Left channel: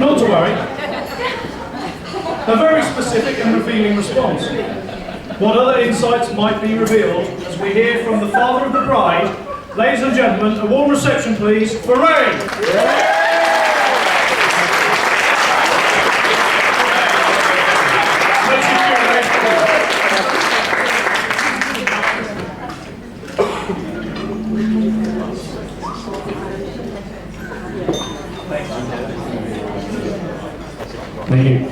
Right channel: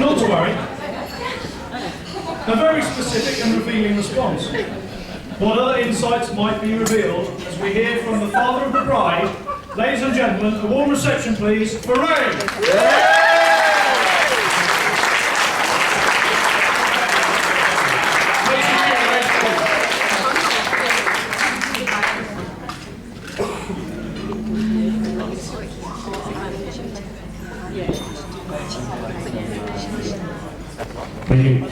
Not to worry. A very specific and revealing response. What other insights might be revealed as we hear from the father of the bride? Ladies and gentlemen, a warm reception please for Ray! Thank you.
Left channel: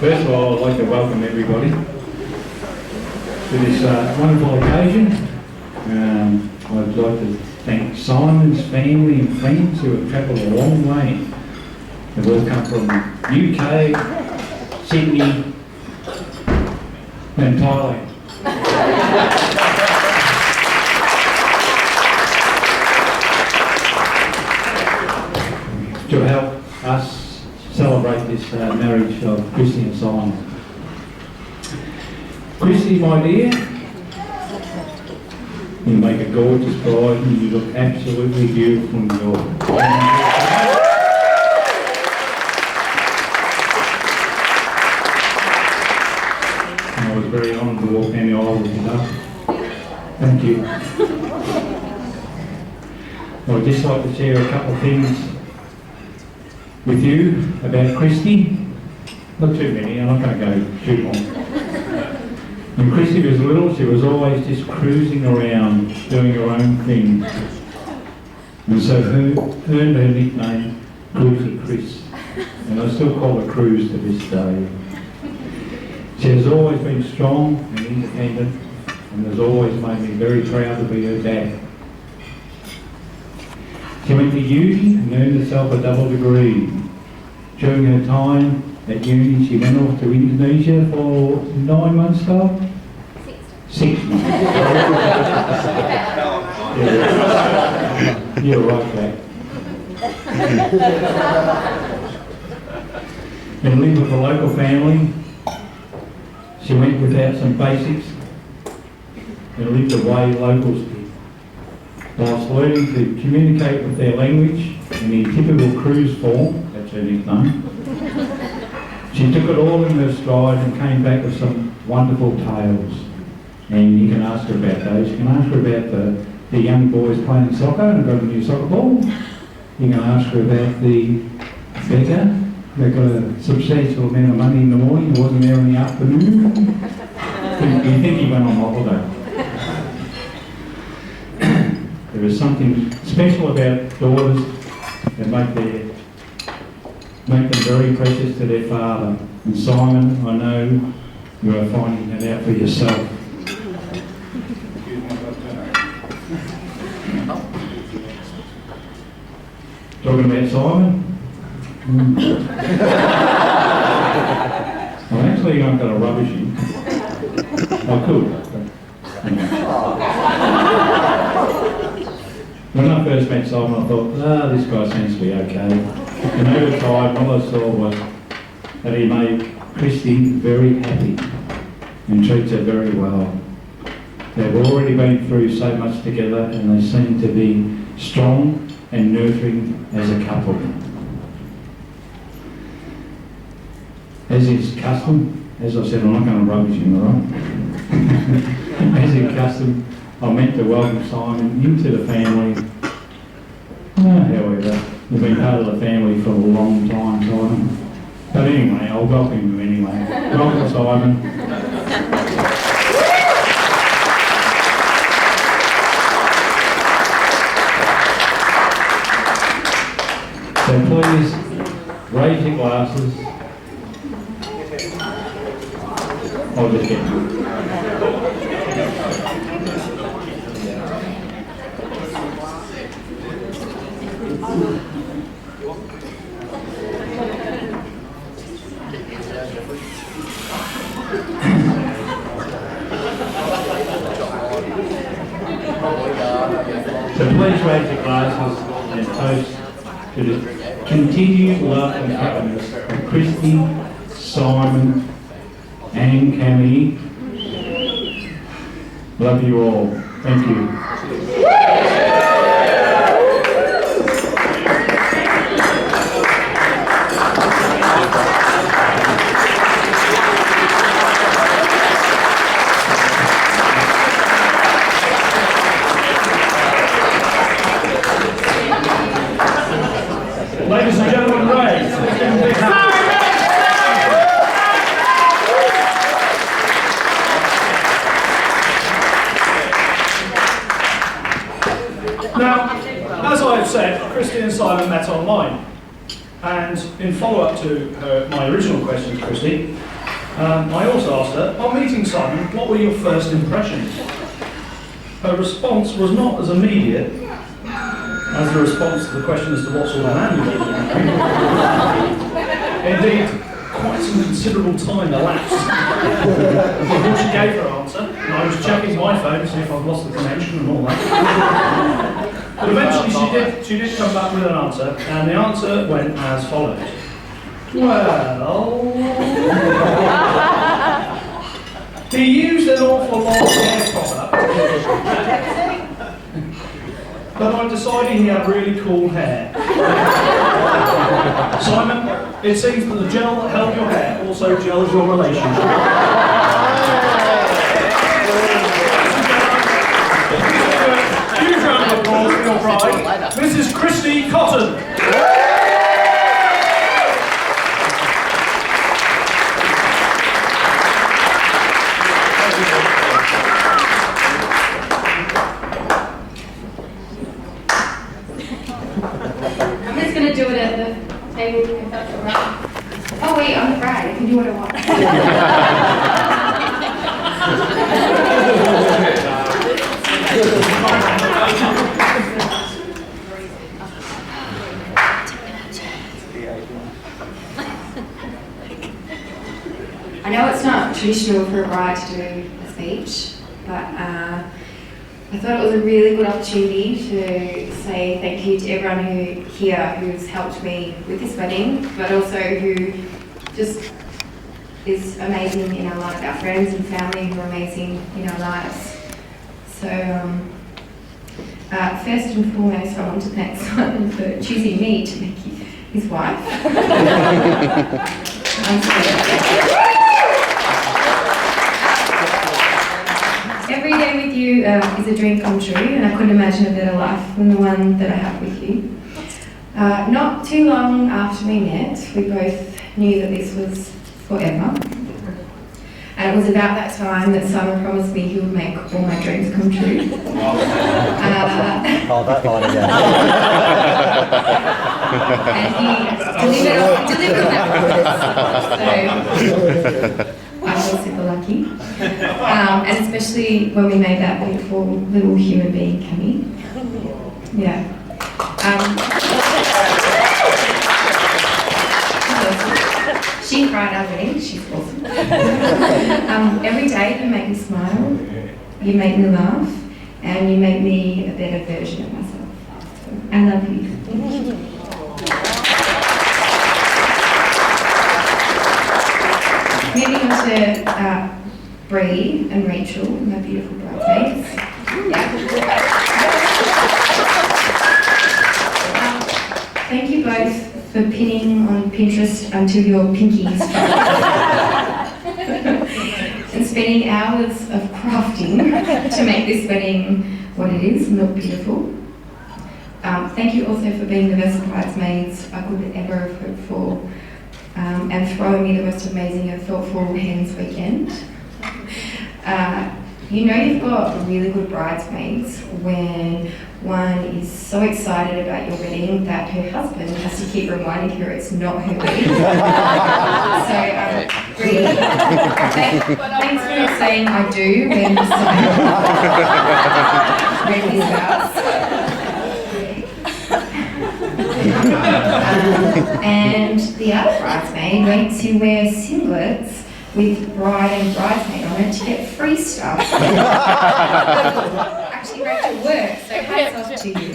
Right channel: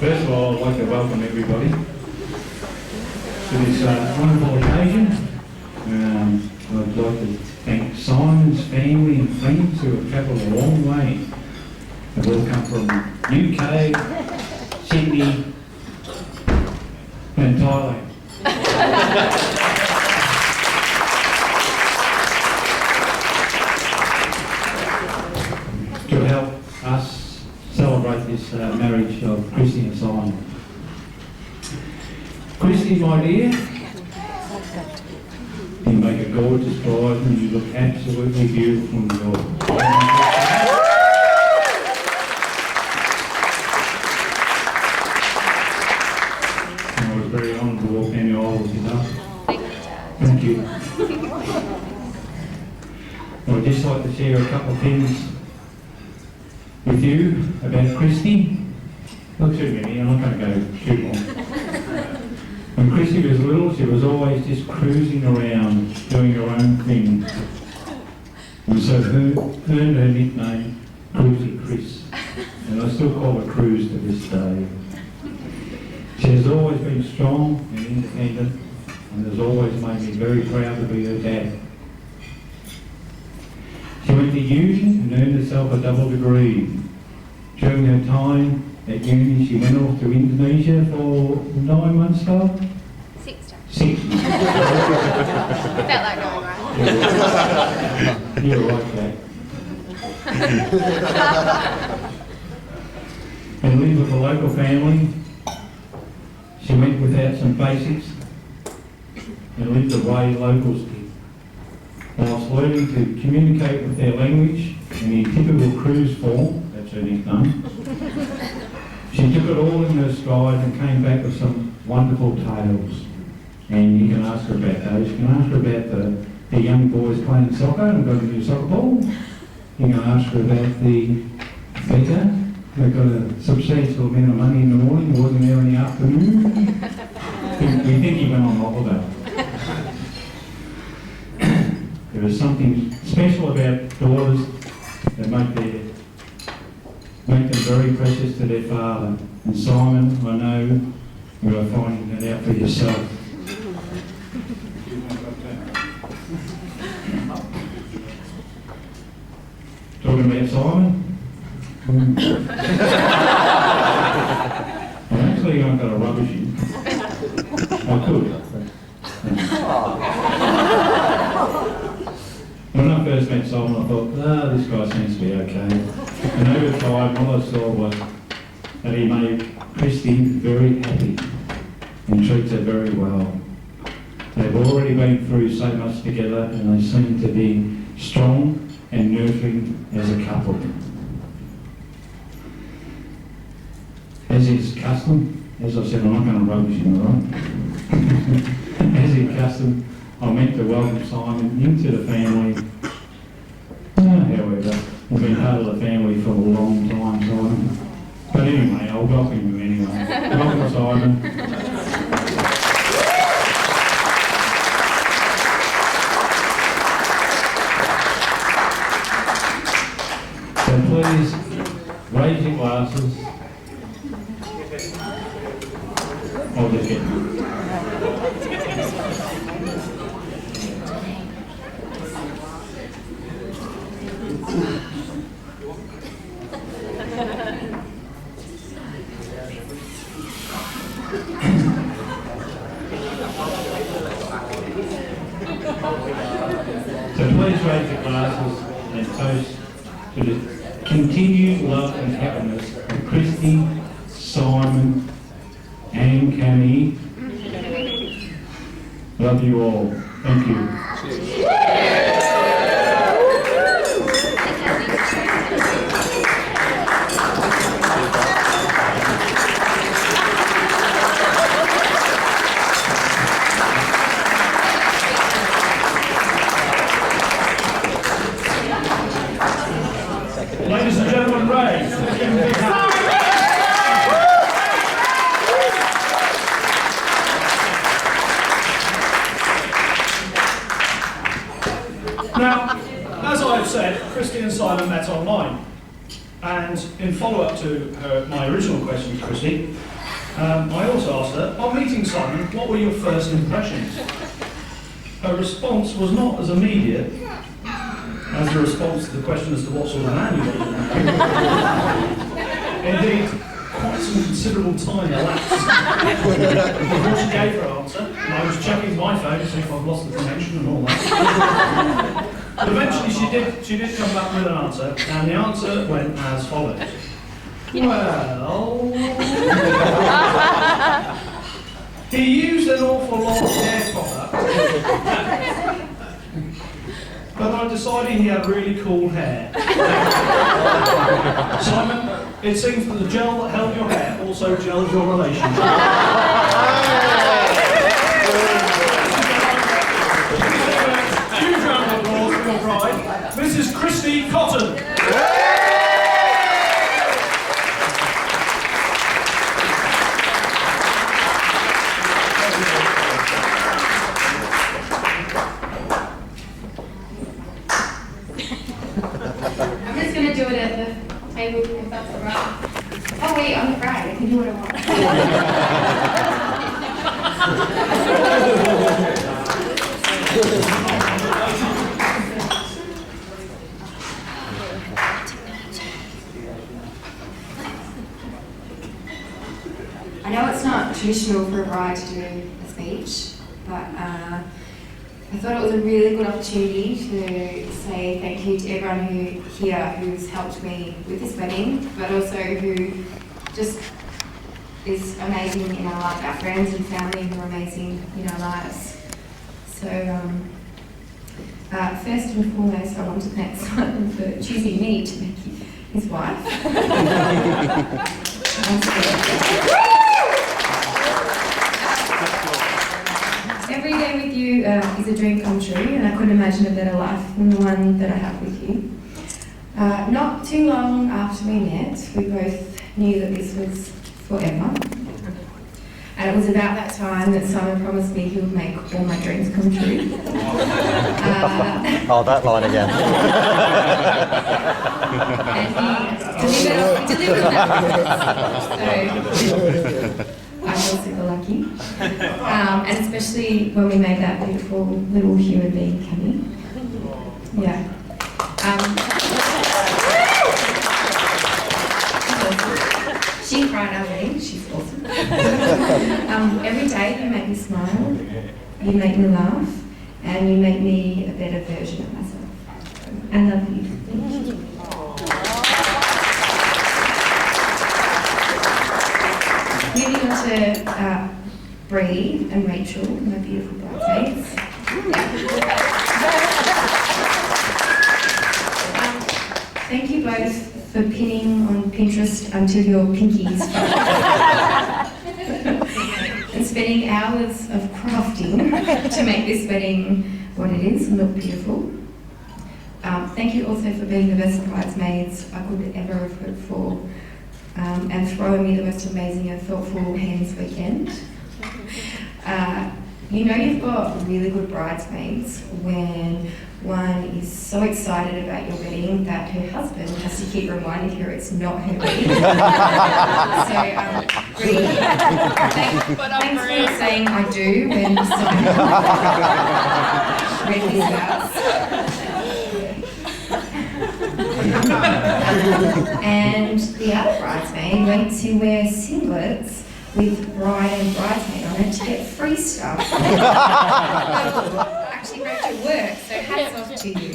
First of all, I'd like to welcome everybody to this wonderful occasion. I'd like to thank Simon's family and friends who have travelled a long way. They've all come from UK, Sydney and Thailand. To help us celebrate this marriage of Christy and Simon. Christy, my dear, you make a gorgeous bride and you look absolutely beautiful in your I was very honoured to walk down the aisle with you, love. Thank you. I'd just like to share a couple of things with you about Christy. Not too many, I'm not going to go too long. When Christy was little, she was always just cruising around, doing her own thing. And so earned her nickname, Cruisy Chris. And I still call her Cruz to this day. She has always been strong and independent, and has always made me very proud to be her dad. She went to uni and earned herself a double degree. During her time at uni, she went off to Indonesia for 9 months, Carl? 6 months. You're right, Jack. And lived with a local family. She went without some basics and lived the way locals did, whilst learning to communicate with their language in the typical cruise form. That's her nickname. She took it all in her stride and came back with some wonderful tales. And you can ask her about those. You can ask her about the young boys playing soccer and got a new soccer ball. You can ask her about the beggar that got a substantial amount of money in the morning, he wasn't there in the afternoon. You think he went on holiday. There is something special about daughters that make them very precious to their father. And Simon, I know you are finding that out for yourself. Talking about Simon? I'm actually not going to rubbish him. I could. When I first met Simon, I thought, this guy seems to be okay. And over time, all I saw was that he made Christy very happy and treats her very well. They've already been through so much together and they seem to be strong and nurturing as a couple. As is custom, as I said, I'm not going to rubbish him, all right? As is custom, I meant to welcome Simon into the family. However, he's been part of the family for a long time, Simon. But anyway, I'll welcome him anyway. Welcome, Simon. So please raise your glasses. I'll just get you. So please raise your glasses and toast to the continued love and happiness of Christy, Simon, and Cammy. Love you all. Thank you. Ladies and gentlemen, Ray. Let's give him a big hand. Now, as I have said, Christy and Simon met online. And in follow-up to my original question to Christy, I also asked her, on meeting Simon, what were your first impressions? Her response was not as immediate as the response to the question as to what sort of man you were. Indeed, quite some considerable time elapsed before she gave her answer, and I was checking my phone to see if I'd lost the connection and all that. But eventually she did come back with an answer, and the answer went as follows. Well, he used an awful lot of hair product, but I decided he had really cool hair. Simon, it seems that the gel that held your hair also gels your relationship. Huge round of applause for your bride, Mrs. Christy Cotton. I'm just going to do it at the table if that's all right. Oh wait, I'm the bride. I can do what I want. I know it's not traditional for a bride to do a speech, but I thought it was a really good opportunity to say thank you to everyone who's helped me with this wedding, but also who just is amazing in our life, our friends and family who are amazing in our lives. So first and foremost, I want to thank Simon for choosing me to make his wife. Every day with you is a dream come true, and I couldn't imagine a better life than the one that I have with you. Not too long after we met, we both knew that this was forever. And it was about that time that Simon promised me he would make all my dreams come true. Oh, that line again. And he delivered on that promise. So I feel super lucky. And especially when we made that beautiful little human being, Cammy. Yeah. She cried our wedding. She's awesome. Every day you make me smile, you make me laugh, and you make me a better version of myself. I love you. Moving on to Bree and Rachel, my beautiful bridesmaids. Thank you both for pinning on Pinterest until your pinkies and spending hours of crafting to make this wedding what it is and look beautiful. Thank you also for being the best bridesmaids I could ever have hoped for, and throwing me the most amazing and thoughtful Hens weekend. You know you've got really good bridesmaids when one is so excited about your wedding that her husband has to keep reminding her it's not her wedding. So, Bree, thanks for saying I do when Simon read his vows. And the other bridesmaid went to wear singlets with bride and bridesmaid on it to get free stuff. I actually make it work, so hats off to you.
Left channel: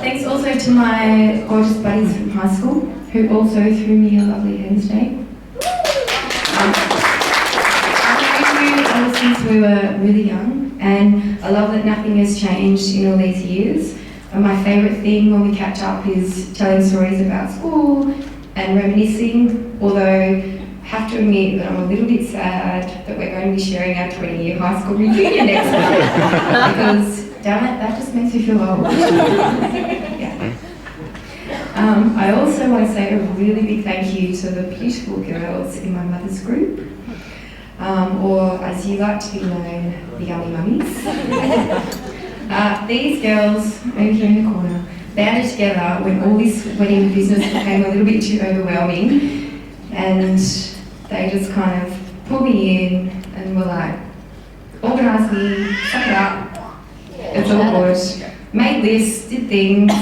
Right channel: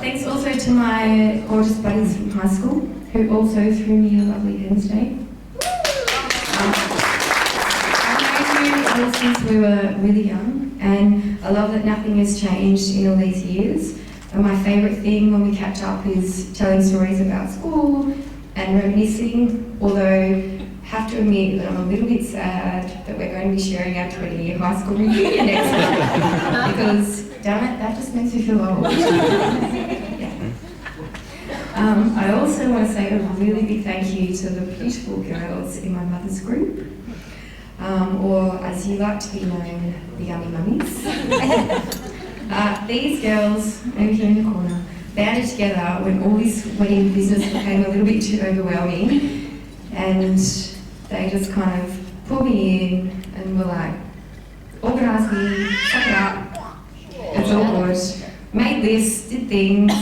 Thanks also to my gorgeous buddies from high school, who also threw me a lovely Ends Day. I've known you ever since we were really young, and I love that nothing has changed in all these years. And my favourite thing when we catch up is telling stories about school and reminiscing, although I have to admit that I'm a little bit sad that we're going to be sharing our 20-year high school reunion next month, because damn it, that just makes me feel old. Yeah. I also want to say a really big thank you to the beautiful girls in my mother's group, or as you like to be known, the Yummy Mummies. These girls over here in the corner banded together when all this wedding business became a little bit too overwhelming, and they just kind of pulled me in and were like, organise me, suck it up, it's all good, made lists, did things.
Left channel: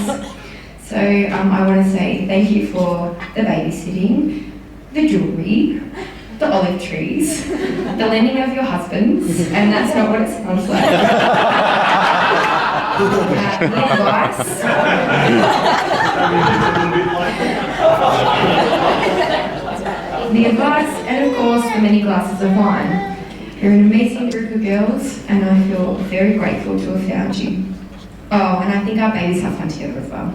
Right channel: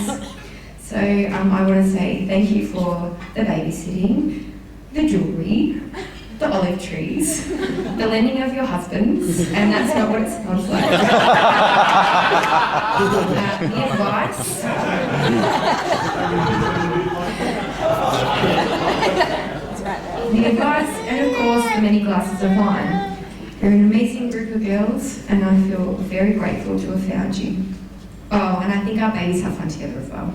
So I want to say thank you for the babysitting, the jewellery, the olive trees, the lending of your husbands, and that's not what it sounds like. The advice. The advice, and of course the many glasses of wine. You're an amazing group of girls, and I feel very grateful to have found you. Oh, and I think our babies have fun together as well.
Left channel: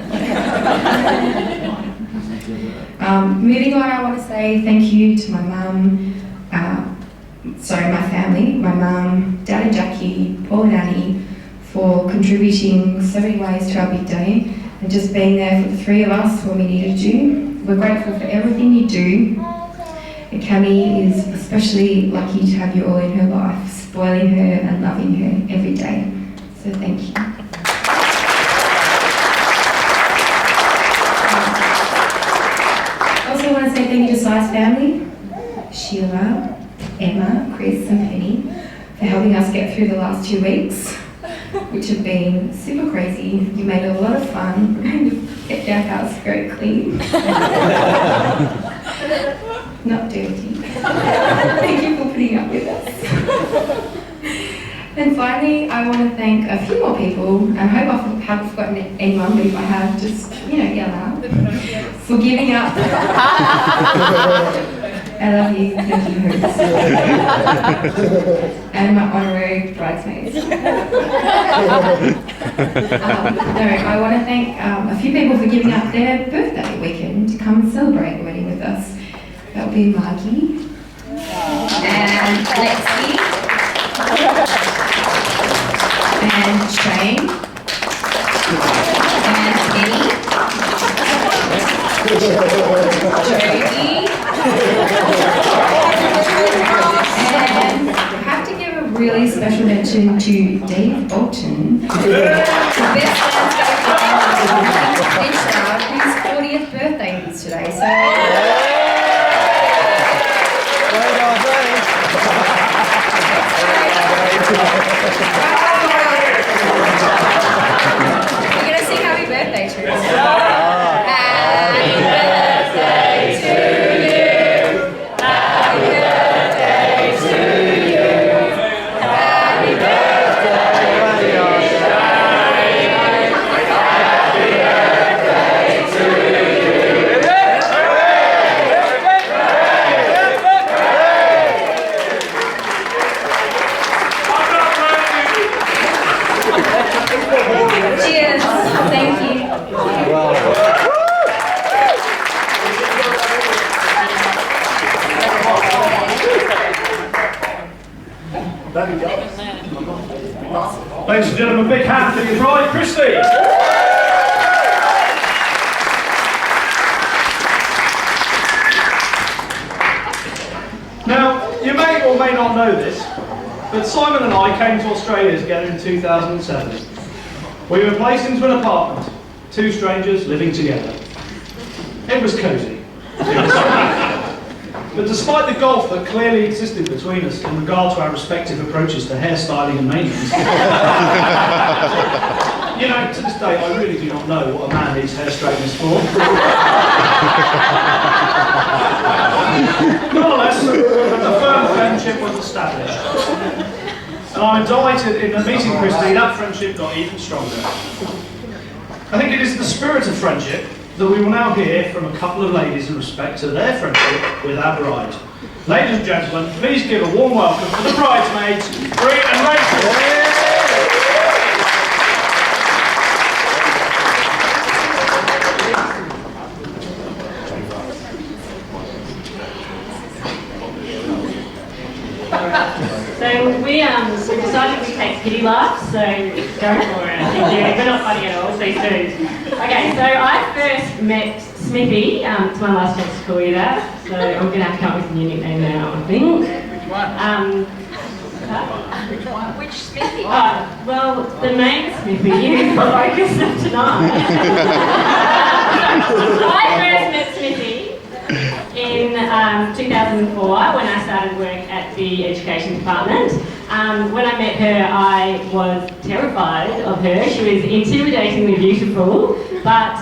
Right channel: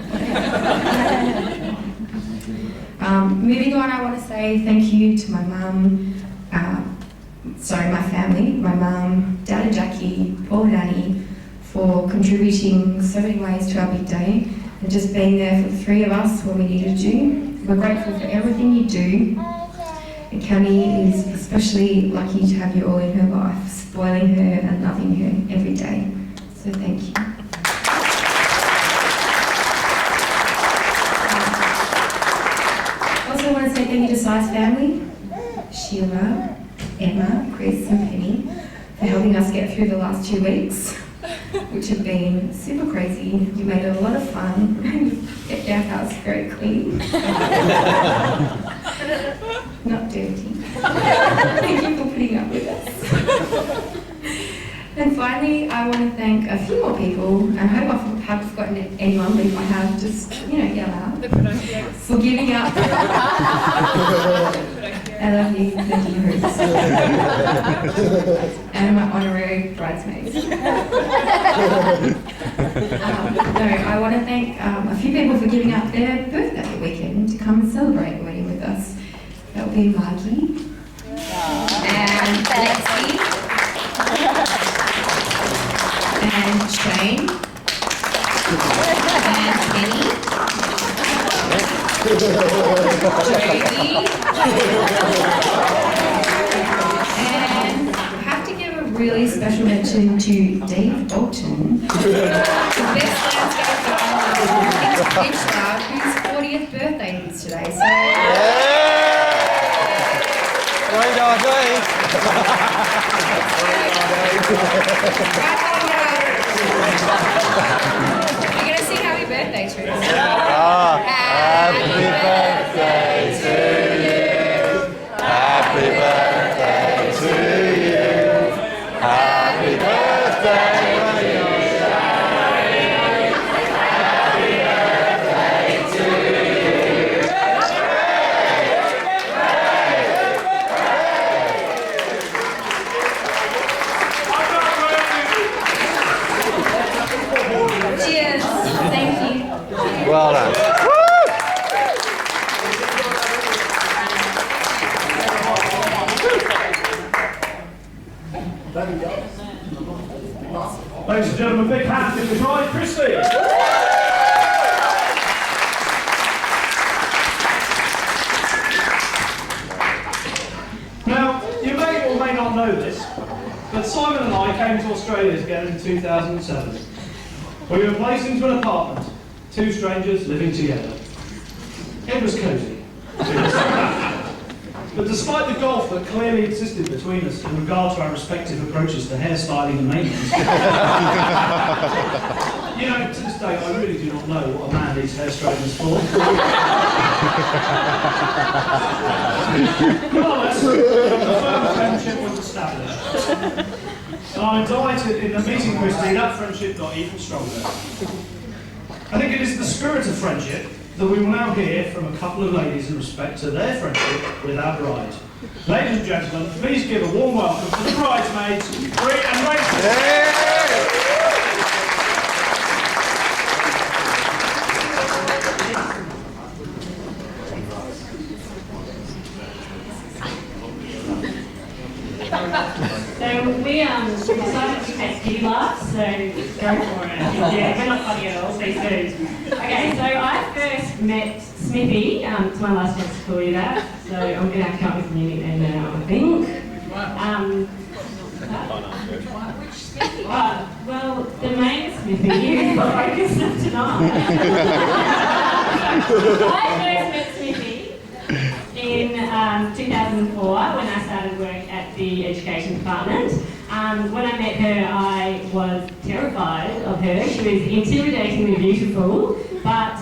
Moving on, I want to say thank you to my mum, my family, my mum, Dad and Jackie, Paul and Annie, for contributing so many ways to our big day and just being there for the three of us when we needed you. We're grateful for everything you do, and Cami is especially lucky to have you all in her life, spoiling her and loving her every day. So thank you. I also want to say thank you to Si's family, Sheila, Emma, Chris and Penny, for helping us get through the last 2 weeks, which have been super crazy. You made it a lot of fun and kept our house very clean. Not dirty. Thank you for putting up with us. And finally, I want to thank a few more people. I hope I haven't forgotten anyone, but if I have, just, yell out. For giving up. I love you, thank you, hosts. And my honorary bridesmaids. I want to thank a few people for giving up their birthday weekend to come and celebrate the wedding with us. That would be Margie, and Lexi, and Shane, and Penny, Jodie, and I have to give a really special mention to Dave Bolton, the best landscape designer, whose 40th birthday is today. So. We're going to sing happy birthday to us. Happy birthday to you. Happy birthday to you. Happy birthday, dear Shane. Happy birthday to you. Cheers. Thank you. Well done. Ladies and gentlemen, big hand for your bride, Christy. Now, you may or may not know this, but Simon and I came to Australia together in 2007. We were placed into an apartment, two strangers living together. It was cosy. But despite the gulf that clearly existed between us in regard to our respective approaches to hairstyling and maintenance, to this day I really do not know what a man needs hair straighteners for. Nonetheless, a firm friendship was established. And I'm delighted in meeting Christy, that friendship got even stronger. I think it is the spirit of friendship that we will now hear from a couple of ladies in respect to their friendship with our bride. Ladies and gentlemen, please give a warm welcome to the bridesmaids, Bree and Rachel. So we decided we take pity laughs, so go for it. Yeah, we're not funny at all, stay tuned. Okay, so I first met Smithy, it's my last chance to call you that, so I'm going to have to come up with a new nickname now, I think. Which Smithy? Well, the name Smithy is the focus of tonight. I first met Smithy in 2004 when I started work at the education department. When I met her, I was terrified of her. She was intimidatingly beautiful, but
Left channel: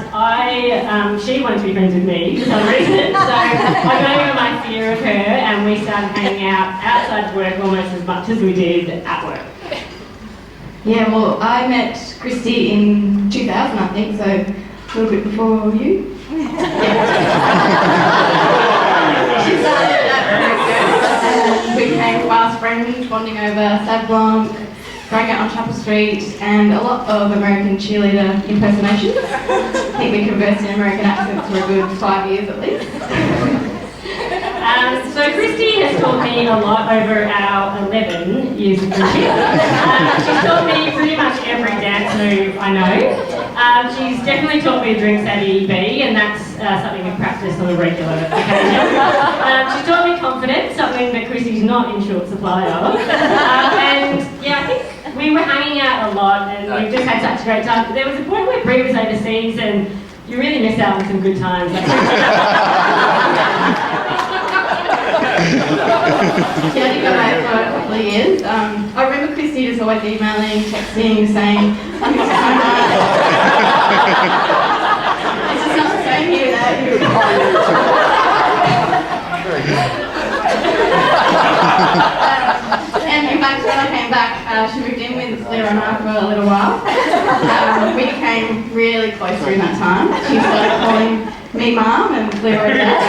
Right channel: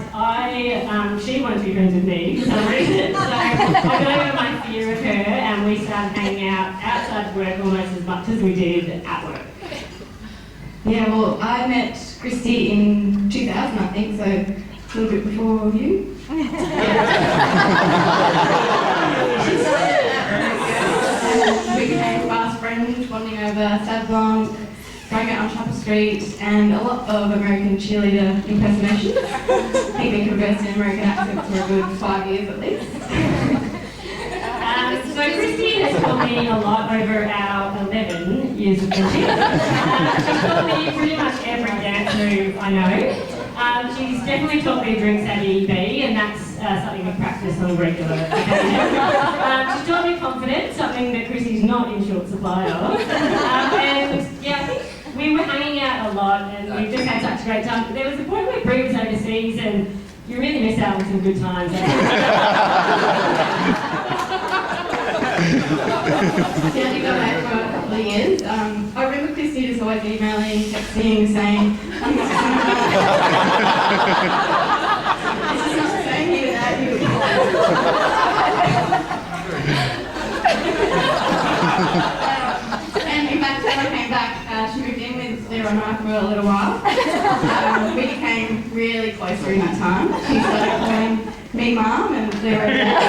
she wanted to be friends with me for some reason. So I got over my fear of her, and we started hanging out outside of work almost as much as we did at work. Yeah, well, I met Christy in 2000, I think, so a little bit before you. She started at we became fast friends, bonding over Sauv Blanc, going out on Chapel Street, and a lot of American cheerleader impersonations. I think we conversed in American accents for a good 5 years at least. So Christy has taught me a lot over our 11 years of friendship. She's taught me pretty much every dance move I know. She's definitely taught me drinks at EB, and that's something we practice on a regular occasion. She's taught me confidence, something that Christy's not in short supply of. And yeah, I think we were hanging out a lot, and we've just had such a great time. There was a point where Brie was overseas, and you really miss out on some good times. She only got away for a couple of years. I remember Christy just always emailing, texting, saying, "I'm just it's just not the same here without you." And in fact, when I came back, she moved in with Sarah and I for a little while. We became really close during that time. She started calling me Mum and Sarah Dad.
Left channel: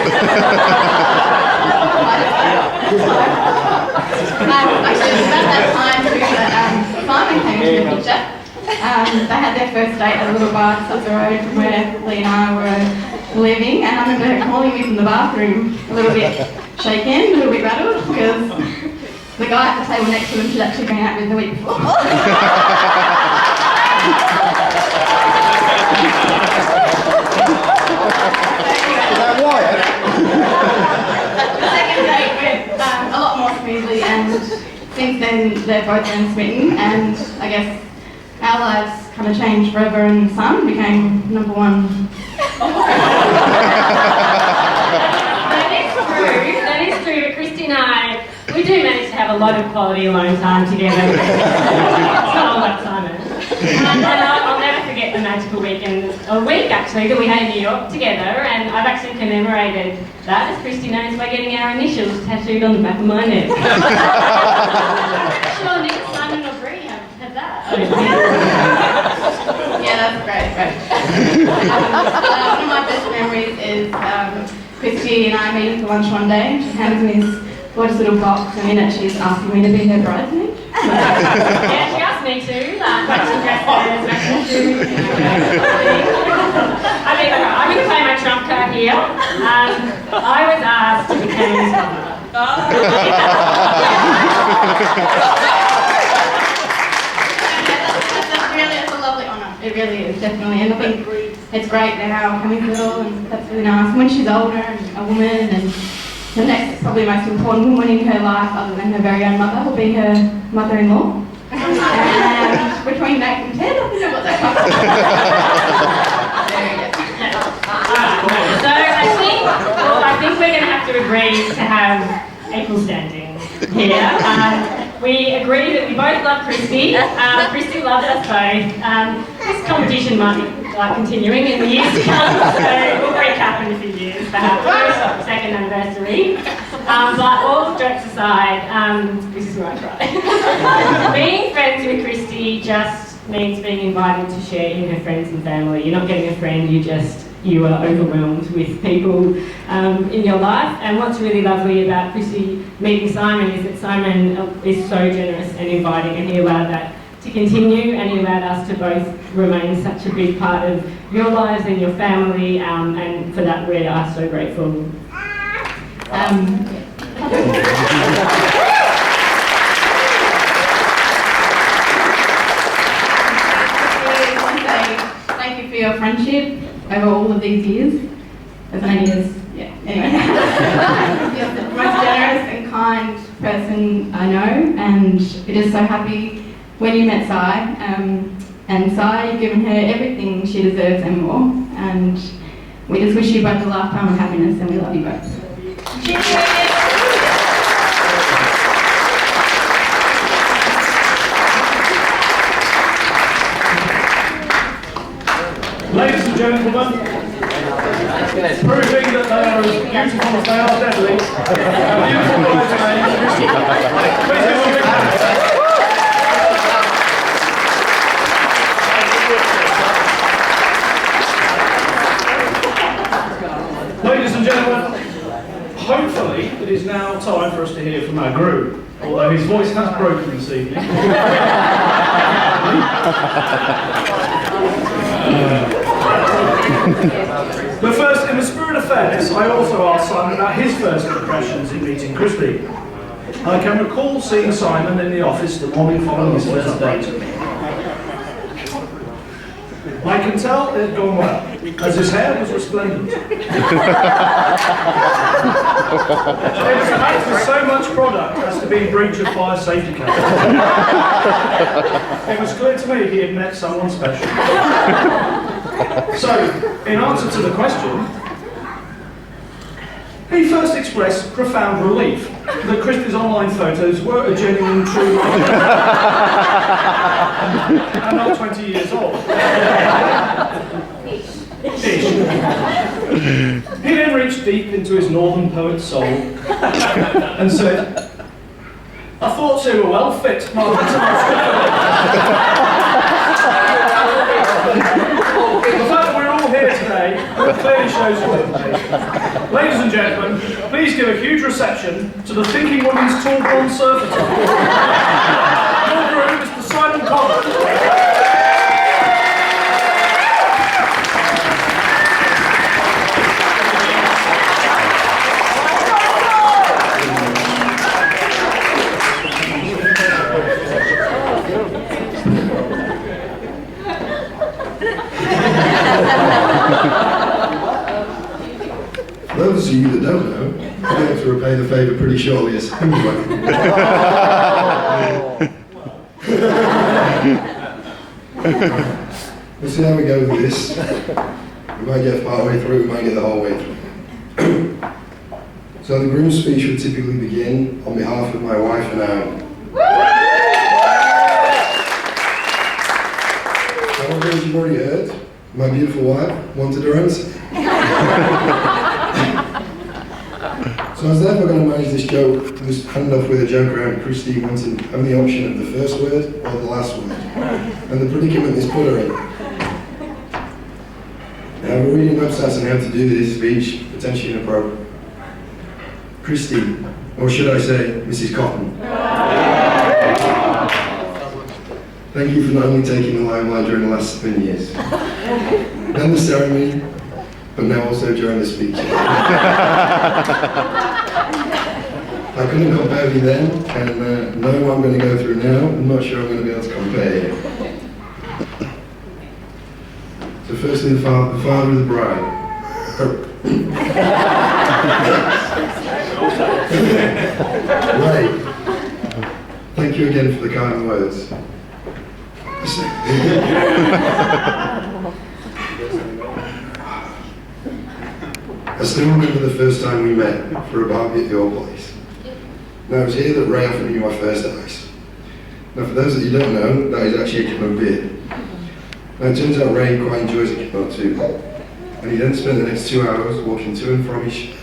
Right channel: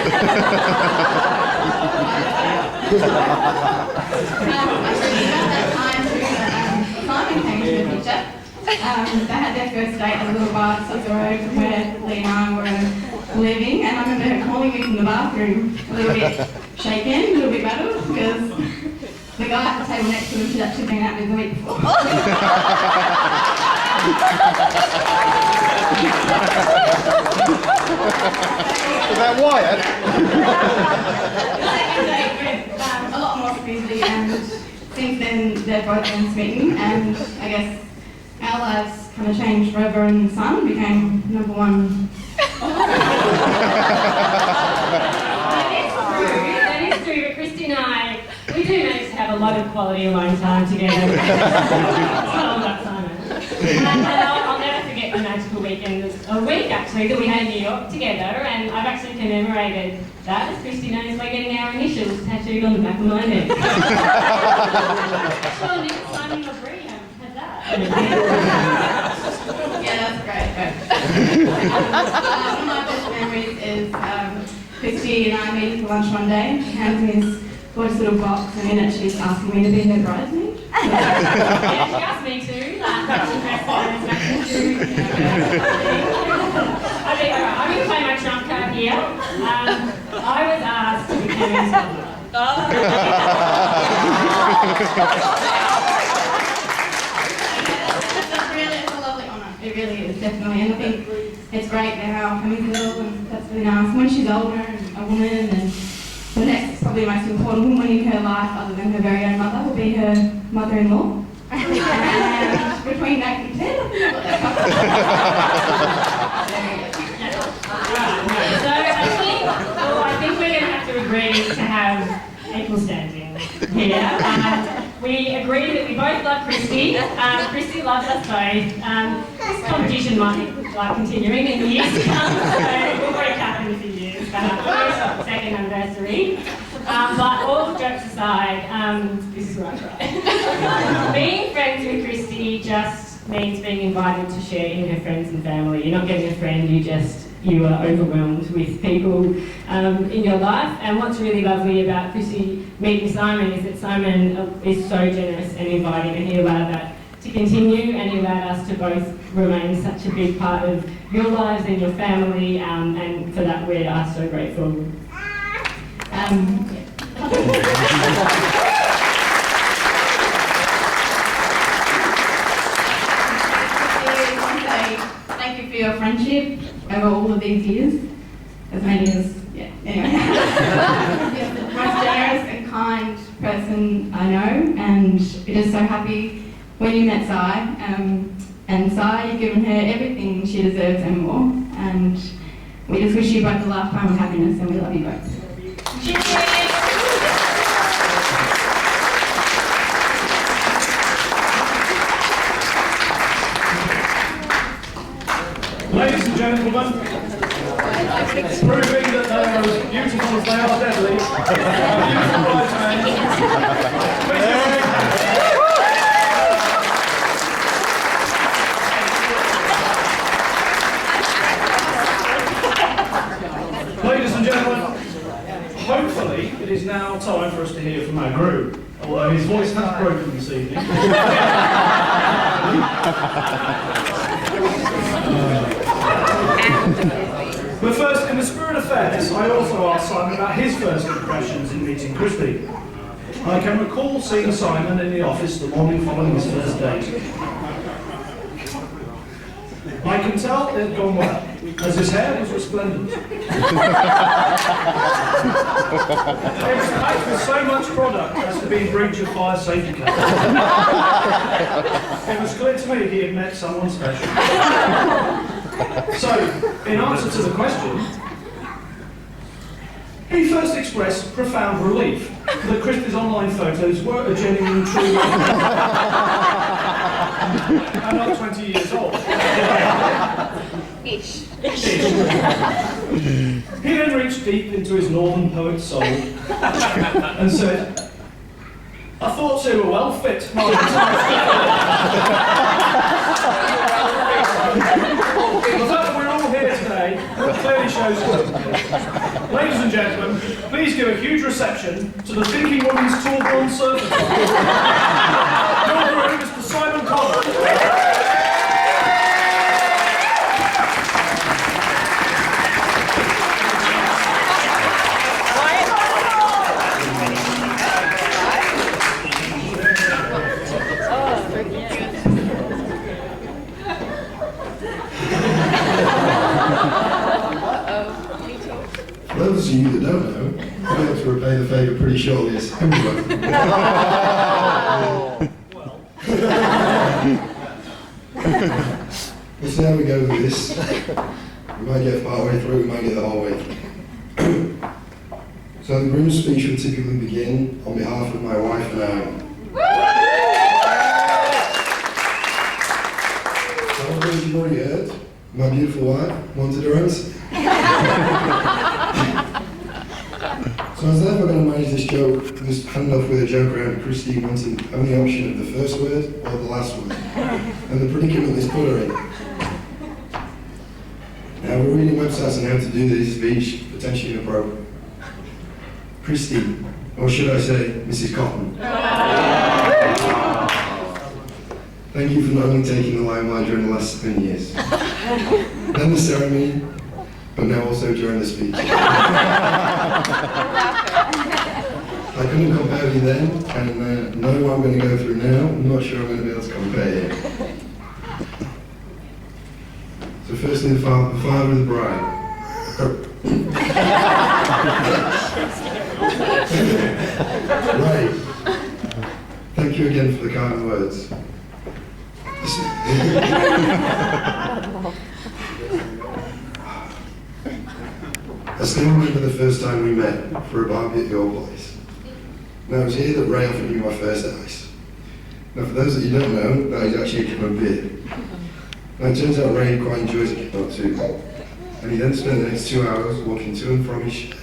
Actually, it was about that time too that Simon came into the picture. They had their first date at a little bar just up the road from where Lee and I were living, and I remember her calling me from the bathroom, a little bit shaken, a little bit rattled, because the guy at the table next to him she'd actually been out with the week before. Is that Wyatt? The second date went a lot more smoothly, and since then they've both been smitten, and I guess our lives kind of changed forever, and Simon became number one. That is true, but Christy and I, we do manage to have a lot of quality alone time together. It's not all about Simon. And I'll never forget the magical weekend, a week actually, that we had in New York together, and I've actually commemorated that, as Christy knows, by getting our initials tattooed on the back of my neck. Sure, neither Simon nor Bree have had that. Yeah, that's great. One of my best memories is Christy and I meeting for lunch one day. She hands me this gorgeous little box, and in it she's asking me to be her bridesmaid. Yeah, she asked me to, matching dresses, matching shoes. I mean, I'm going to play my trump card here. I was asked to become his mother. It's a lovely honour. It really is, definitely. And I think it's great now having little, and that's really nice. When she's older and a woman, and the next, probably most important woman in her life, other than her very own mother, will be her mother-in-law. And between Nate and Ted, I think I've got that covered. So I think we're going to have to agree to have equal standing here. we agree that we both love Christy. Christy loves us both. This competition might be continuing in the years to come, so we'll recap in a few years, perhaps first, second anniversary. But all jokes aside, this is where I cry. Being friends with Christy just means being invited to share in her friends and family. You're not getting a friend, you are overwhelmed with people in your life. And what's really lovely about Christy meeting Simon is that Simon is so generous and inviting, and he allowed that to continue, and he allowed us to both remain such a big part of your lives and your family, and for that we are so grateful. Thank you for your friendship over all of these years. As many as, yeah, anyway. You're the most generous and kind person I know, and we're just so happy when you met Sai. And Sai, you've given her everything she deserves and more. And we just wish you both a lifetime of happiness, and we love you both. Cheers! Ladies and gentlemen, proving that they are as beautiful as they are deadly, beautiful bridesmaids, please give them a big hand. Ladies and gentlemen, hopefully it is now time for us to hear from our groom, although his voice has broken this evening. But first, in the spirit of fairness, I also asked Simon about his first impressions in meeting Christy. I can recall seeing Simon in the office the morning following his first date. I can tell it had gone well, as his hair was resplendent. It was packed with so much product as to be in breach of fire safety code. It was clear to me he had met someone special. So, in answer to the question, he first expressed profound relief that Christy's online photos were a genuine true and not 20 years old. Ish. He then reached deep into his northern poet's soul and said, I thought they were well fit, Martin. The fact that we're all here today clearly shows you. Ladies and gentlemen, please give a huge reception to the Thinking Woman's Tall Blonde Surfer. Your groom, Mr. Simon Collins. For those of you that don't know, I'll be able to repay the favour pretty shortly as anyway. We'll see how we go with this. We might get part way through, we might get the whole way through. So the groom's speech would typically begin on behalf of my wife and Aaron. However, as you've already heard, my beautiful wife wanted her answer. So I was therefore going to manage this joke, this handoff with a joke around Christy wanting having the option of the first word or the last word, and the predicament this put her in. Now we're reading websites on how to do this speech, potentially inappropriate. Christy, or should I say, Mrs. Cotton. Thank you for not only taking the limelight during the last 10 years, then the ceremony, but now also during the speech. I couldn't compare you then, and knowing what I'm going to go through now, I'm not sure I'm going to be able to compare you. So firstly, the father of the bride. Ray, thank you again for the kind words. I still remember the first time we met for a barbie at your place. Now it was here that Ray offered me my first ice. Now, for those that you don't know, that is actually a can of beer. Now, it turns out Ray quite enjoys a can too. And he then spent the next 2 hours walking to and from his shed,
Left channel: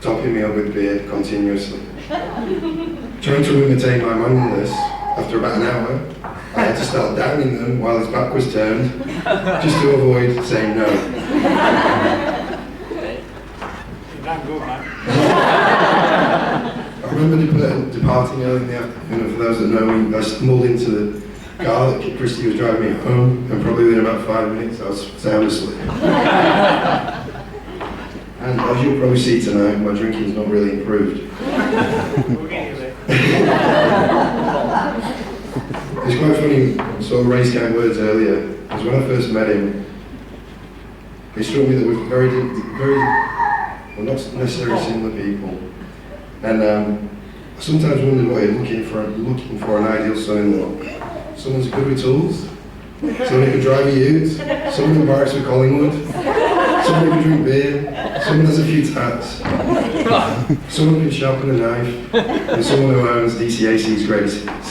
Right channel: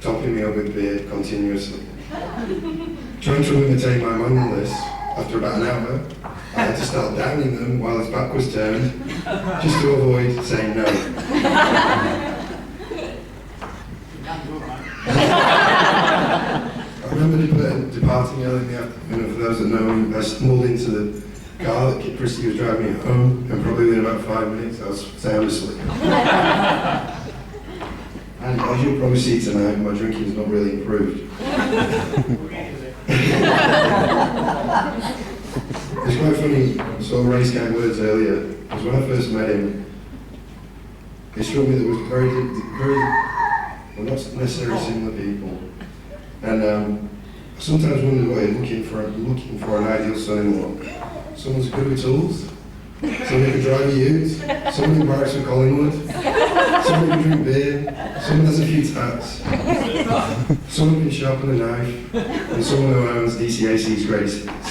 topping me up with beer continuously. Trying to imitate my mindfulness, after about an hour, I had to start downing them while his back was turned, just to avoid saying no. I remember departing early in the afternoon, and for those that know me, I stumbled into the car that Kit Christie was driving me home, and probably within about 5 minutes I was sound asleep. And as you'll probably see tonight, my drinking's not really improved. It's quite funny, I saw Ray's kind words earlier, because when I first met him, he struck me that we're very, well, not necessarily similar people. And I sometimes wondered what you're looking for an ideal son-in-law. Someone who's good with tools, someone who can drive a ute, someone who barracks with Collingwood, someone who can drink beer, someone has a few tats, someone who can sharpen a knife, and someone who owns DCAC's greatest hits.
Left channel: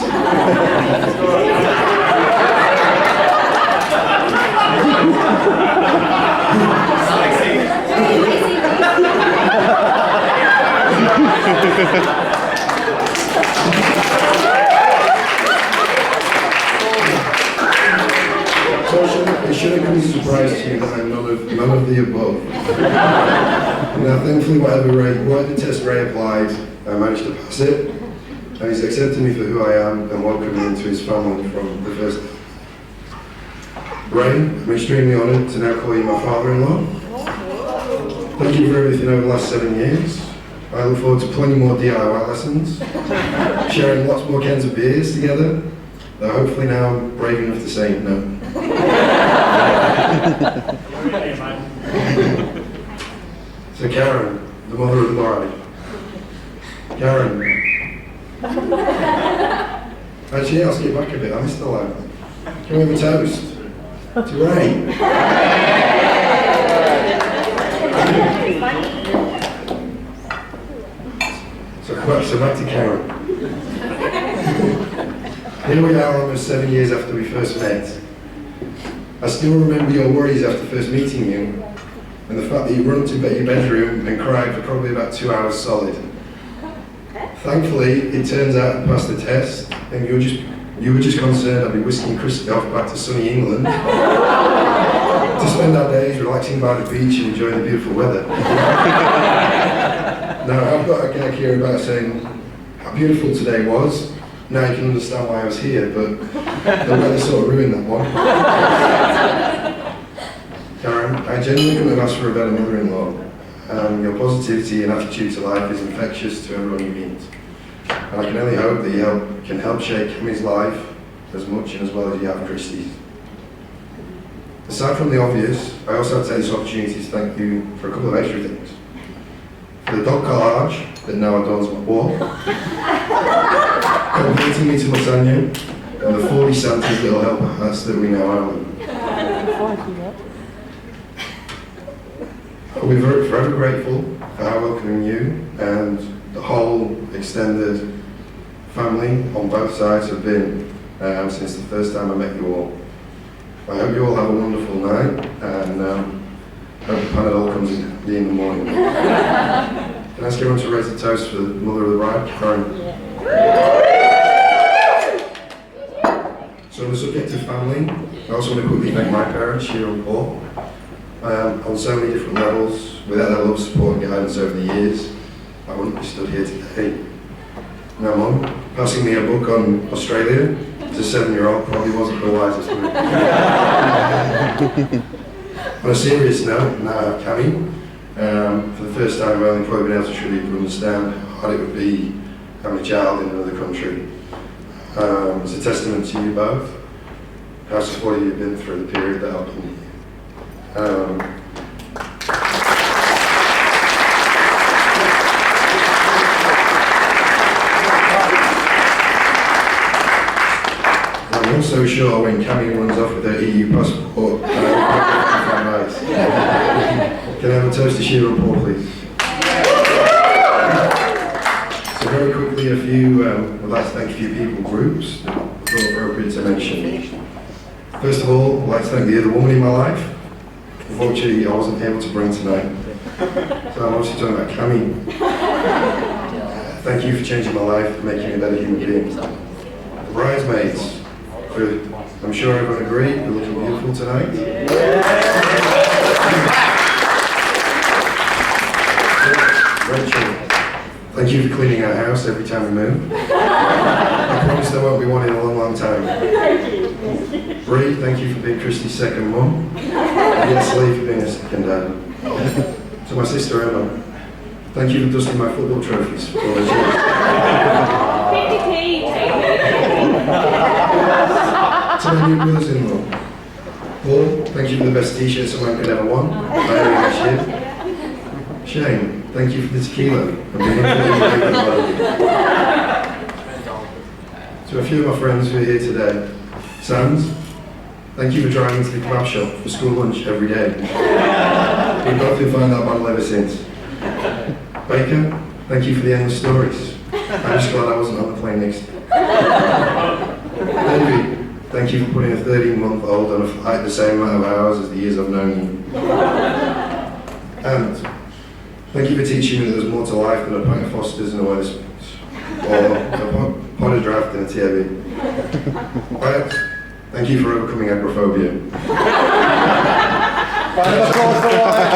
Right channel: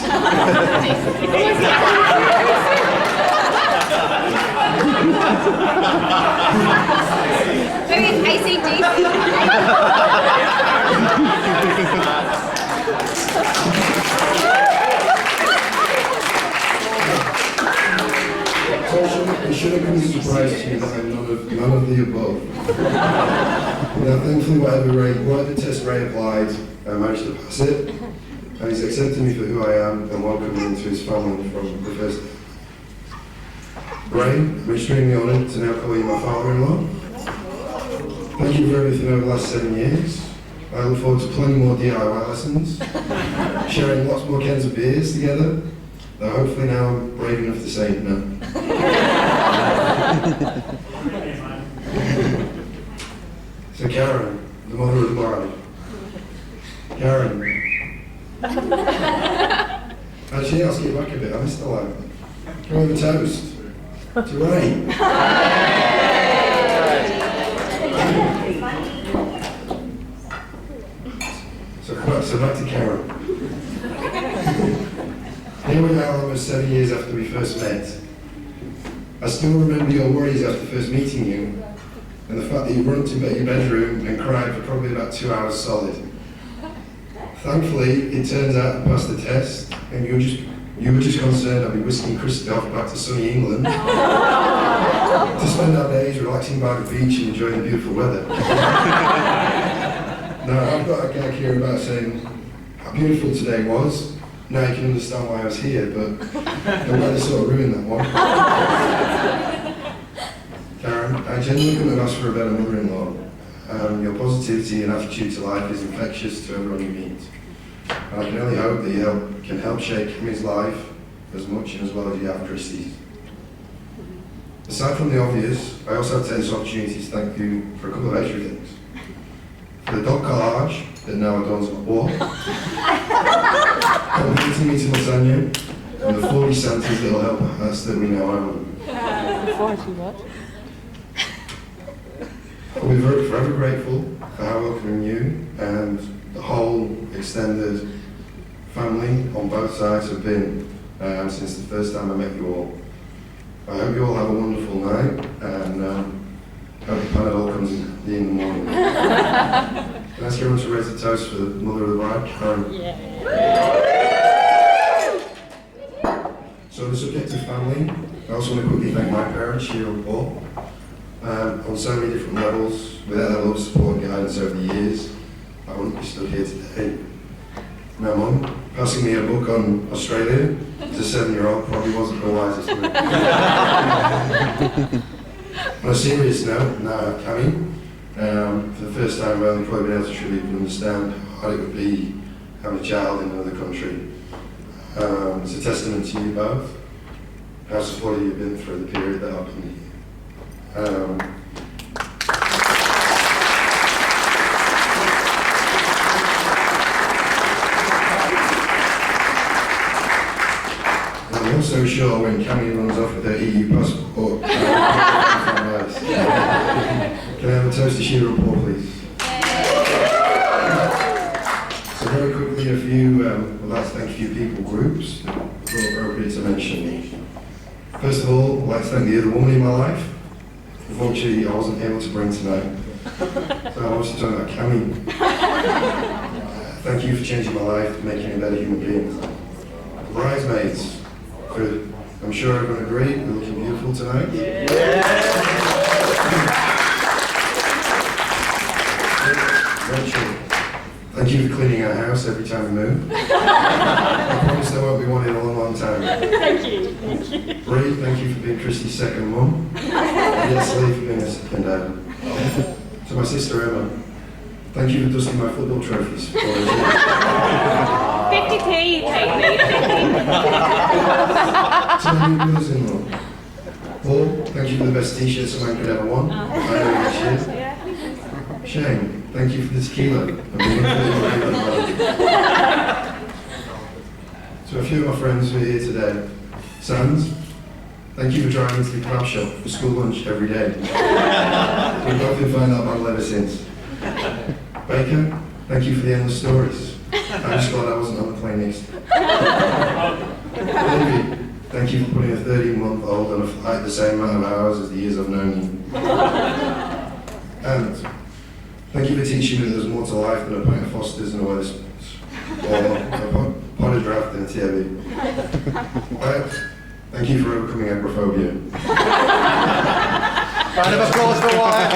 So it shouldn't come as a surprise to you that I'm none of the above. Now, thankfully, whatever test Ray applied, I managed to pass it, and he's accepted me for who I am and welcomed me into his family from the first day. Ray, I'm extremely honoured to now call you my father-in-law. Thank you for everything over the last 7 years. I look forward to plenty more DIY lessons, sharing lots more cans of beers together, though hopefully now I'm brave enough to say no. So Karen, the mother of the bride. Karen. Actually, I'll skip back a bit, I missed the line. Can we have a toast? To Ray. So back to Karen. Here we are almost 7 years after we first met. I still remember your worries after first meeting you, and the fact that you run up to your bedroom and cried for probably about 2 hours solid. Thankfully, it turns out I passed the test, and you were just concerned I'd be whisking Christy off back to sunny England to spend our days relaxing by the beach and enjoying the beautiful weather. Now, I've got a gag here about saying how beautiful today was. Now you can understand why I was here, but the weather sort of ruined that one. Karen, I genuinely couldn't have asked for a better mother-in-law. Your positivity and attitude to life is infectious to everyone you meet. And I can only hope that you can help shape Kimmy's life as much and as well as you have Christie's. Aside from the obvious, I also have to take this opportunity to thank you for a couple of extra things. For the dog collage that now adorns my wall, completing me to lasagna, and the 40 Santas that will help us that we now own. I'll be forever grateful for how welcoming you and the whole extended family on both sides have been since the first time I met you all. I hope you all have a wonderful night, and hope the Panadol comes in the morning. Can I ask everyone to raise a toast for the mother of the bride, Karen? So on the subject of family, I also want to quickly thank my parents, Sheila and Paul, on so many different levels. Without their love, support and guidance over the years, I wouldn't be stood here today. Now, Mum, passing me a book on Australia as a 7-year-old probably wasn't the wisest move. On a serious note, now I have Cammy. For the first time, I've only probably been able to truly understand how hard it would be having a child in another country. It's a testament to you both, how supportive you've been through the period that I've been here. I'm also sure when Cammy runs off with her EU passport, can I have a toast to Sheila and Paul, please? So very quickly, a few few, would like to thank a few people, groups, that I thought appropriate to mention. First of all, I'd like to thank the other woman in my life. Unfortunately, I wasn't able to bring tonight. So I'm obviously talking about Cami. Thank you for changing my life, making me a better human being. The bridesmaids, I'm sure everyone agreed, we're looking beautiful tonight. Rachel, thank you for cleaning our house every time we move. I promise there won't be one in a long, long time. Thank you. Bree, thank you for being Christy's second mum. And yes, Lee for being a second dad. To my sister Emma, thank you for dusting my football trophies. For all those years. 50p, take me. To my new brothers-in-law, Paul, thank you for the best t-shirt someone could ever want. I owe you this year. Shane, thank you for the tequila. To a few of my friends who are here today, Sands, thank you for driving to the kebab shop for school lunch every day. We've both been finding that battle ever since. Baker, thank you for the endless stories. I'm just glad I wasn't on the plane next. David, thank you for putting a 13-month-old on a flight the same amount of hours as the years I've known you. And thank you for teaching me that there's more to life than a pint of Foster's and a Wetherspoons, or a pot of draft and a TAB. Wyatt, thank you for overcoming agoraphobia. Round of applause for Wyatt.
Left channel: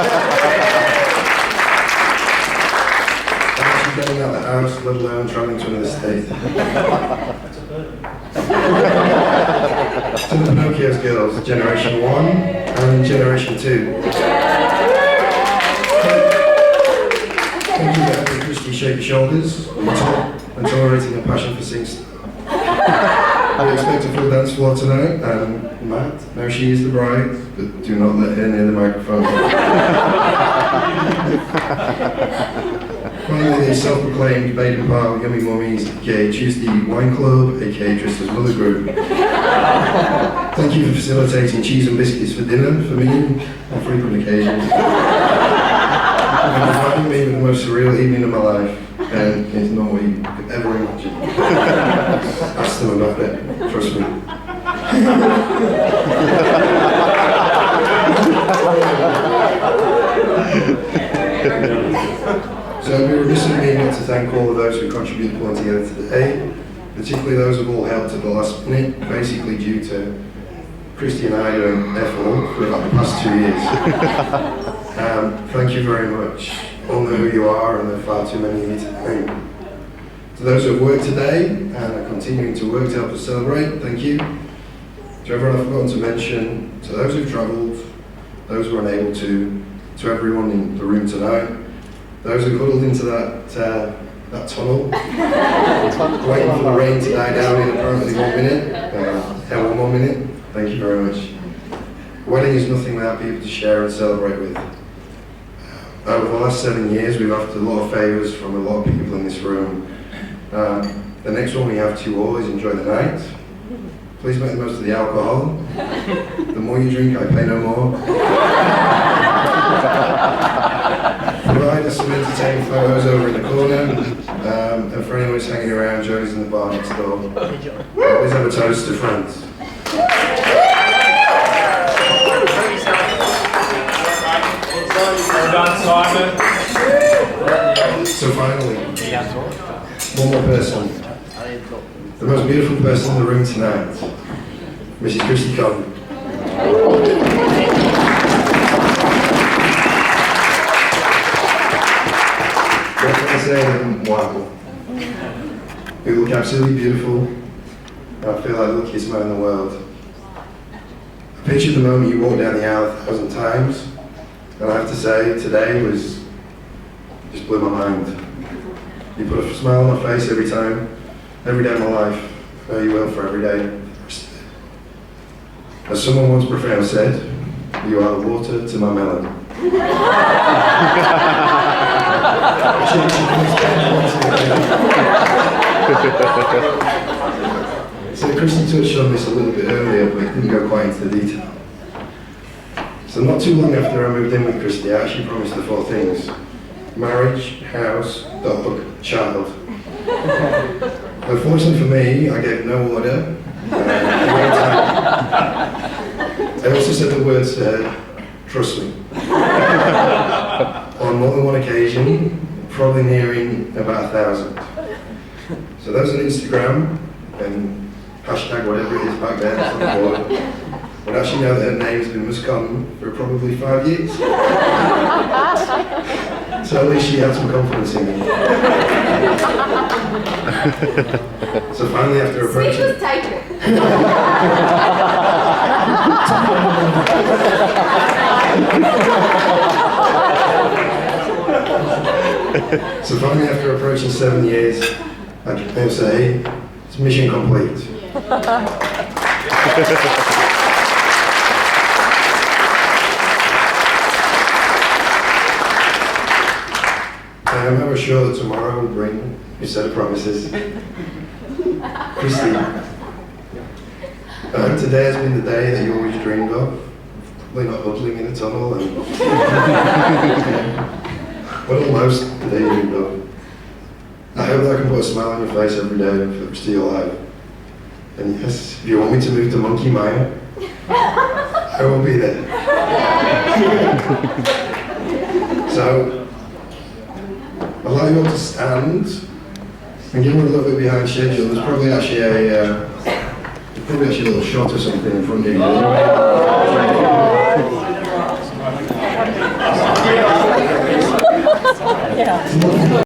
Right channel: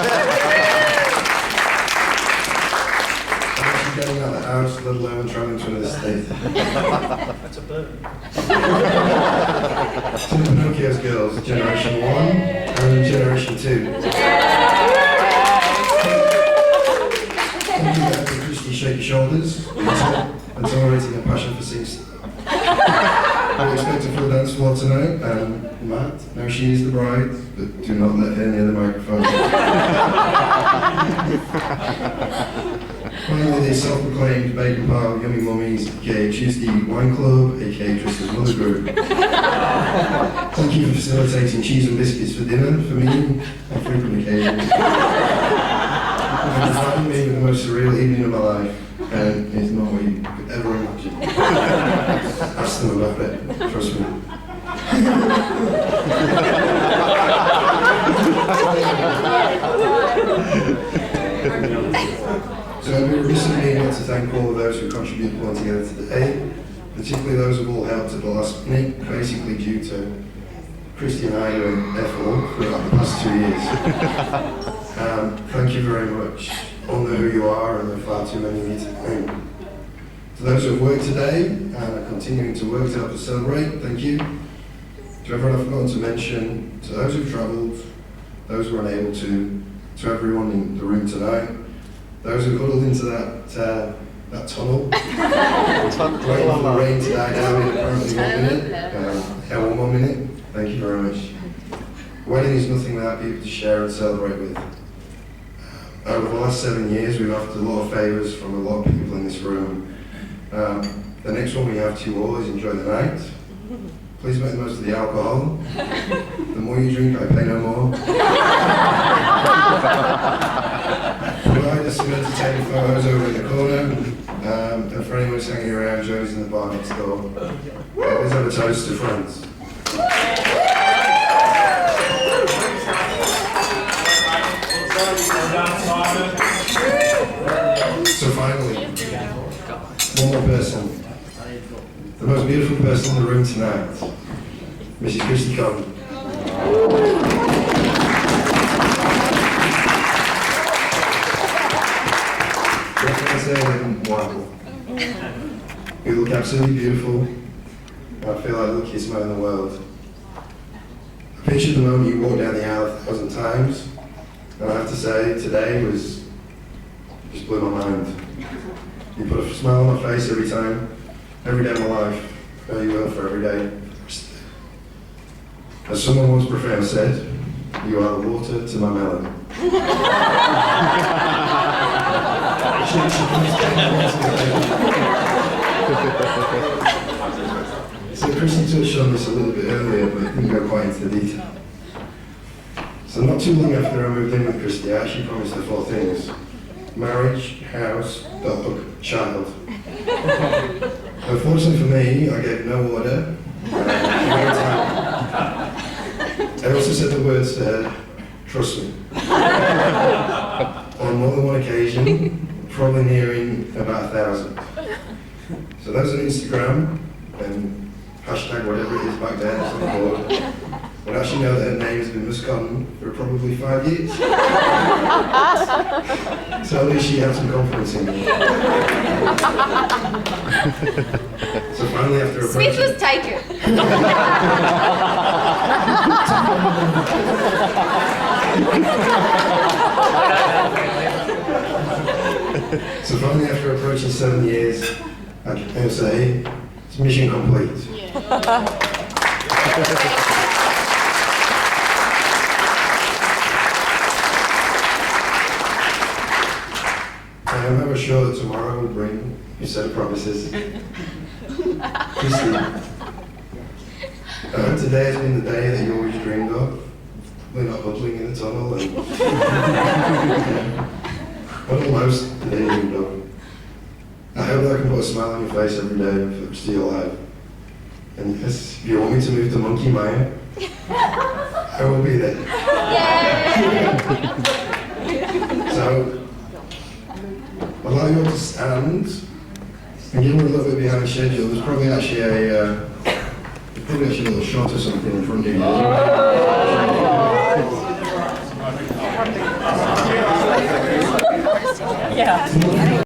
Getting out of the house, let alone travelling to another state. That's a bird. To the Pinocchio's girls, Generation 1 and Generation 2. Thank you for helping Christy shake your shoulders and tolerating a passion for singing. We expect a full dance floor tonight, and Matt, now she is the bride, but do not let her near the microphone. Finally, the self-proclaimed Baden Pile Yummy Mummies, aka Tuesday Wine Club, aka Trista's Mother Group. Thank you for facilitating cheese and biscuits for dinner for me on frequent occasions. And for providing me with the most surreal evening of my life, and it's not what you could ever imagine. Ask them about it, trust me. So it'd be remiss of me not to thank all of those who contributed to pulling together today, particularly those who've all helped at the last minute, basically due to Christy and I doing F4 for about the past 2 years. Thank you very much. All know who you are, and there are far too many of you to thank. To those who have worked today and are continuing to work to help us celebrate, thank you. To everyone I've forgotten to mention, to those who've travelled, those who are unable to everyone in the room tonight, those who huddled into that tunnel, waiting for the rain to die down in apparently 1 minute, 1 minute, thank you very much. A wedding is nothing without people to share and celebrate with. Over the last 7 years, we've asked a lot of favours from a lot of people in this room. The next one we have to you all is enjoy the night. Please make the most of the alcohol. The more you drink, I pay no more. Provide us some entertaining photos over in the corner. And for anyone who's hanging around, Joey's in the bar next door. Please have a toast to friends. Well done, Simon. So finally, one more person. The most beautiful person in the room tonight, Mrs. Christy Conn. What can I say? Wow. You look absolutely beautiful. And I feel like the luckiest man in the world. I pictured the moment you walked down the aisle 1,000 times. And I have to say, today just blew my mind. You put a smile on my face every time, every day of my life. No, you will for every day. As someone once profound said, you are the water to my melon. So Christy touched on this a little bit earlier, but didn't go quite into the detail. So not too long after I moved in with Christy, I actually promised her 4 things. marriage, house, dog, child. Unfortunately for me, I gave no order. I also said the words trust me. On more than one occasion, probably nearing about 1,000. So those on Instagram and hashtag whatever it is back then, on the board, would actually know that her name has been miscommon for probably 5 years. So at least she had some confidence in me. So finally, after approaching... Switch was taken. So finally, after approaching 7 years, I can say it's mission complete. I am however sure that tomorrow will bring a set of promises. Christy, I hope today has been the day that you always dreamed of. Probably not huddling in a tunnel and... But almost the day you dreamed of. I hope that I can put a smile on your face every day for the rest of your life. And yes, if you want me to move to Monkey Maya, I will be there. So, I'd like you all to stand and give me a little bit behind schedule. There's probably actually a little shot or something in front of you. Yeah.